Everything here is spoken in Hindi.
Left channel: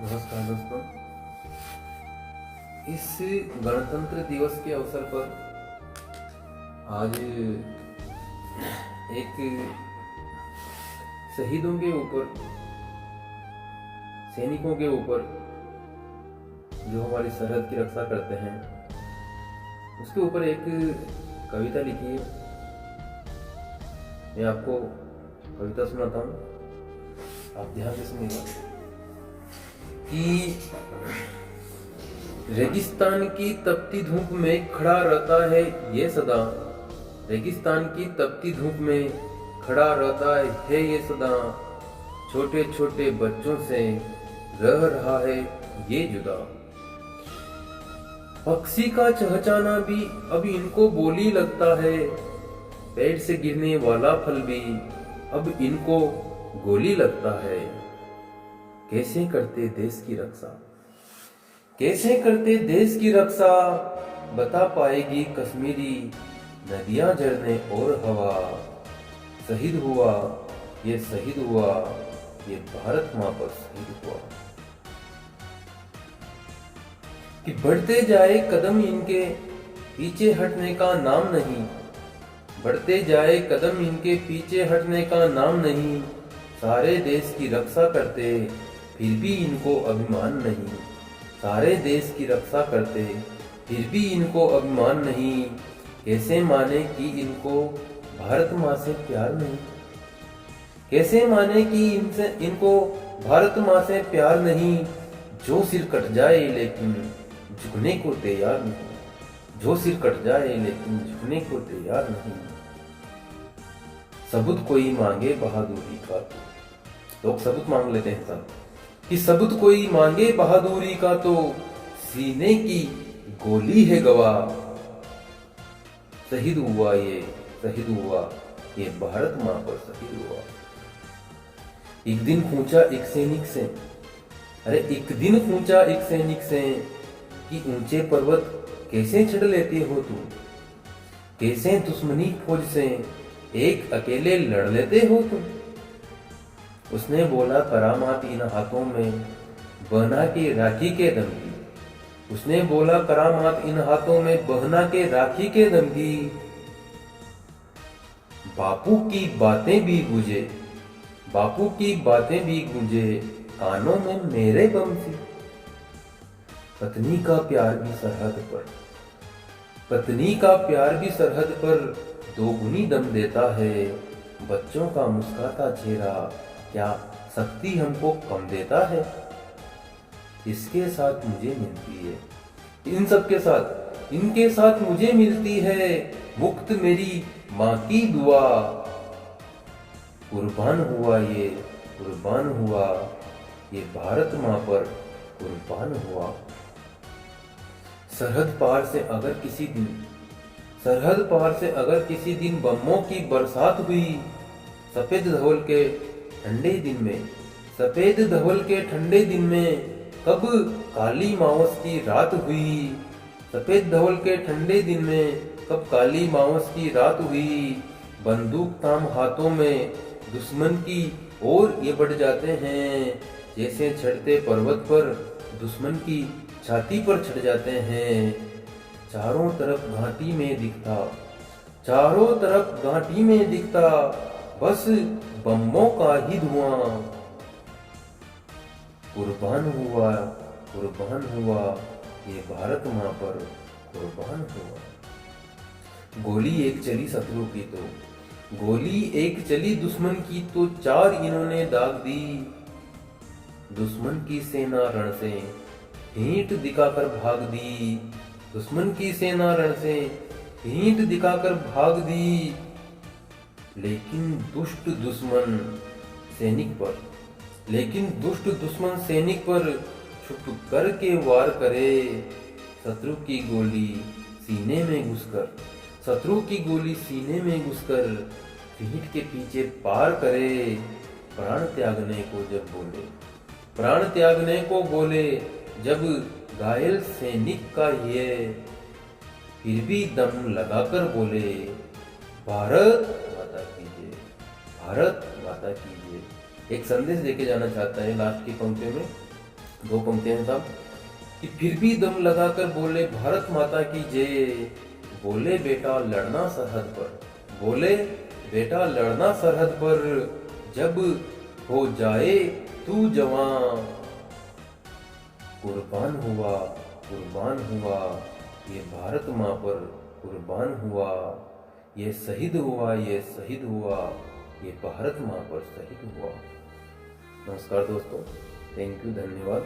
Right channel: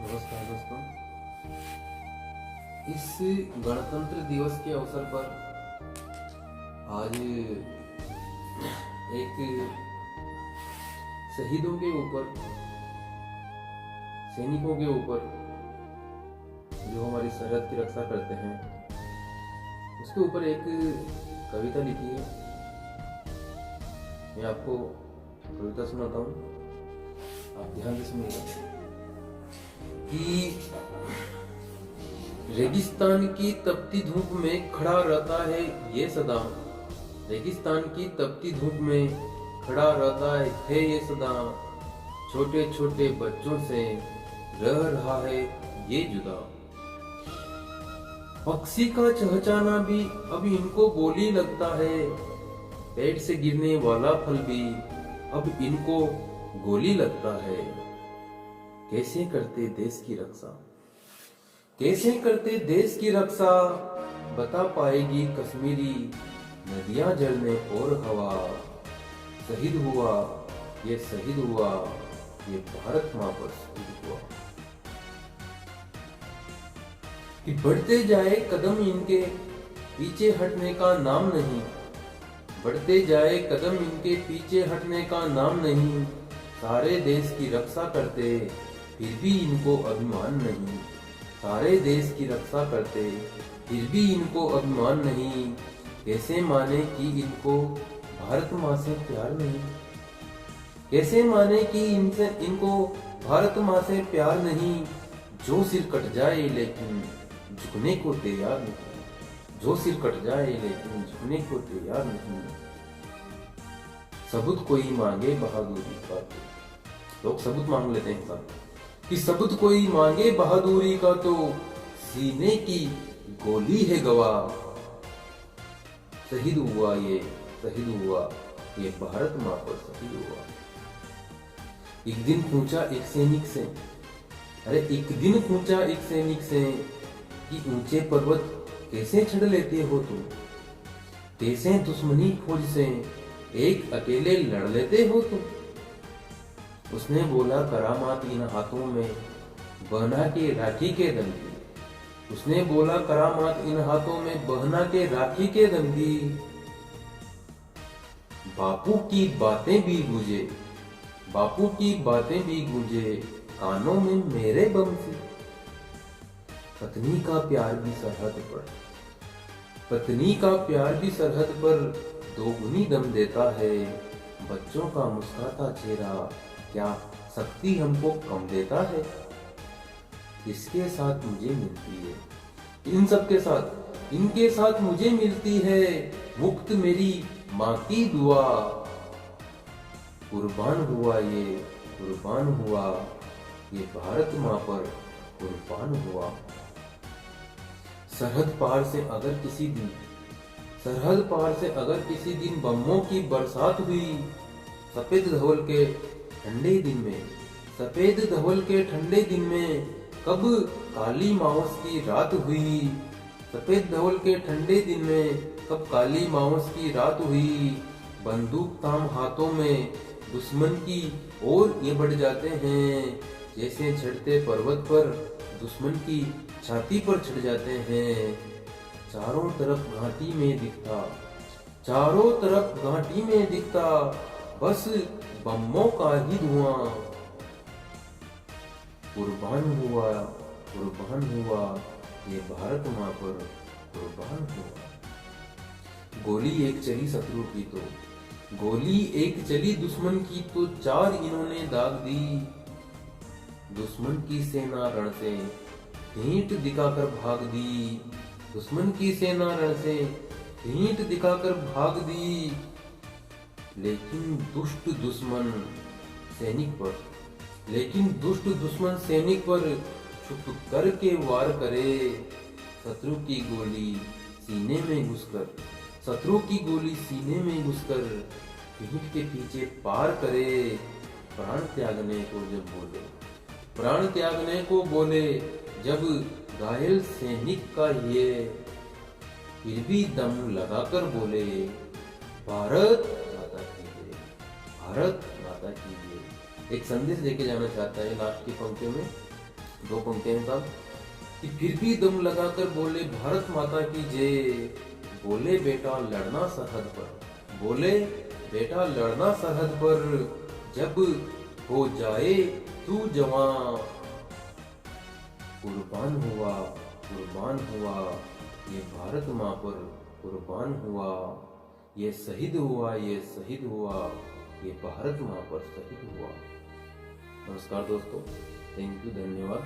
नमस्कार दोस्तों। इस गणतंत्र दिवस के अवसर पर आज एक शहीदों के ऊपर, सैनिकों के ऊपर जो हमारी सरहद की रक्षा करते हैं उसके ऊपर एक कविता लिखी है। मैं आपको कविता सुनाता हूँ, आप ध्यान से सुनिएगा। कि रेगिस्तान की तपती धूप में खड़ा रहता है ये सदा, रेगिस्तान की तपती धूप में खड़ा रहता है ये सदा, छोटे छोटे बच्चों से रह रहा है ये जुदा। पक्षी का चहचहाना भी अब इनको बोली लगता है, पेड़ से गिरने वाला फल भी अब इनको गोली लगता है। कैसे करते देश की रक्षा, कैसे करते देश की रक्षा, बता पाएगी कश्मीरी नदियां झरने और हवा। शहीद हुआ ये शहीद हुआ, ये भारत मां पर शहीद हुआ। कि बढ़ते जाए कदम इनके पीछे हटने का नाम नहीं, बढ़ते जाए कदम इनके पीछे हटने का नाम नहीं। सारे देश की रक्षा करते फिर भी इनको अभिमान नहीं, सारे देश की रक्षा करते फिर भी इनको अभिमान नहीं। कैसे माने कि इनको भारत माँ से प्यार नहीं, कैसे माने कि इनको भारत माँ से प्यार नहीं। जो सिर कट जाए लेकिन झुकने को तैयार नहीं, जो सिर कट जाए लेकिन झुकने को तैयार नहीं। सबूत कोई मांगे बहादुरी का, तो लोग सबूत मांग लेते हैं साथ, कि सबूत कोई मांगे बहादुरी का तो सीने की गोली है गवाह। शहीद हुआ ये शहीद हुआ, ये भारत मां पर शहीद हुआ। एक दिन पूछा एक सैनिक से, अरे एक दिन पूछा एक सैनिक से, कि ऊंचे पर्वत कैसे चढ़ लेते हो तुम, कैसे दुश्मनी फौज से एक अकेले लड़ लेते हो तुम। उसने बोला करामात इन हाथों में बहना के राखी के दम की, उसने बोला करामात इन हाथों में बहना के राखी के दम की। बापू की बातें भी गूंजे, बापू की बातें भी गूंजे कानों में मेरे बम सी। पत्नी का प्यार भी सरहद पर, पत्नी का प्यार भी सरहद पर दोगुनी दम देता है। बच्चों का मुस्कुराता चेहरा क्या शक्ति हमको कम देता है। इसके साथ मुझे मिलती है, इन सब के साथ इनके साथ मुझे मिलती है मुक्त मेरी माँ की दुआ। कुर्बान हुआ ये कुर्बान हुआ, ये भारत माँ पर कुर्बान हुआ। सरहद पार से अगर किसी दिन, सरहद पार से अगर किसी दिन बमों की बरसात हुई, सफेद धवल के ठंडे दिन में, सफेद धवल के ठंडे दिन में कब काली मावस की रात हुई, सफेद धवल के ठंडे दिन में कब काली मावस की रात हुई। बंदूक ताम हाथों में दुश्मन की ओर ये बढ़ जाते हैं, जैसे चढ़ते पर्वत पर दुश्मन की छाती पर चढ़ जाते हैं। चारों तरफ घाटी में दिखता, चारों तरफ घाटी में दिखता बस बमों का ही धुआं। कुर्बान हुआ कुर्बान हुआ, ये भारत माँ पर कुर्बान हुआ। गोली एक चली शत्रु की तो, गोली एक चली दुश्मन की तो चार इन्होंने दाग दी। दुश्मन की सेना रण से हींट दिखाकर भाग दी, दुश्मन की सेना रण से हींट दिखाकर भाग दी। लेकिन दुष्ट दुश्मन सैनिक पर, लेकिन दुष्ट दुश्मन सैनिक पर छुप करके वार करे। शत्रु की गोली सीने में घुसकर, शत्रु की गोली सीने में घुसकर पीठ के पीछे पार करे। प्राण त्यागने को जब बोले, प्राण त्यागने को बोले जब घायल सैनिक का ये, फिर भी दम लगाकर बोले भारत माता की जय, भारत माता की जय। एक संदेश देके जाना चाहता है लास्ट की पंक्तियों में दो पंक्तियां साहब कि फिर भी दम लगाकर बोले भारत माता की जय, बोले बेटा लड़ना सरहद पर, बोले बेटा लड़ना सरहद पर, जब हो जाए तू जवां, कुर्बान हुआ, कुर्बान हुआ, ये भारत माँ पर कुर्बान हुआ, ये शहीद हुआ, ये शहीद हुआ, ये भारत माँ पर शहीद हुआ। नमस्कार दोस्तों, थैंक यू, धन्यवाद।